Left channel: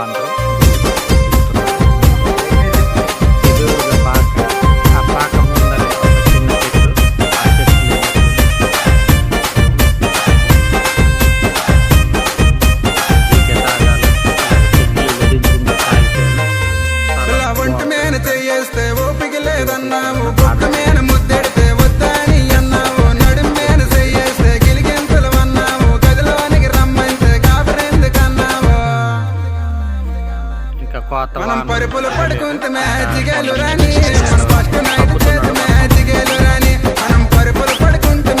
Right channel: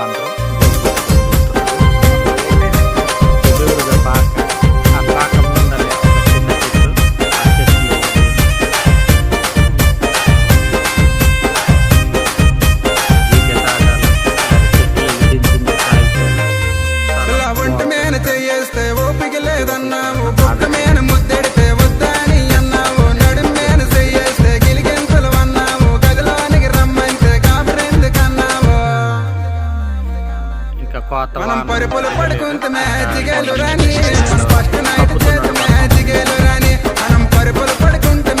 బాగుంటారు. ఎదురుగా పాక, ఆ పాక ముందరే ఒక చిన్న చెట్టు, ఆ చెట్లు జీకే తాగాల చెట్లు విధించింది తాగితేనే ఒంటి మీద చేయేస్తే ఓపిక లేదన్నావు, బొక్క మీద ముద్దెడితే వద్దని అన్నావు, నడుం మీద చేయేస్తే గిలిగింతలు అన్నావు, గదిలోనికి రమ్మంటే కాబరెందుకన్నావు. ఇంకా కోత మనం పరుపులు పడుకుంటే మ్యాజిగేలు రాని, మన ఫస్ట్ నైట్ చేతి మ్యాజిగేలు రాని, మనం పరుపులు పడుకుంటే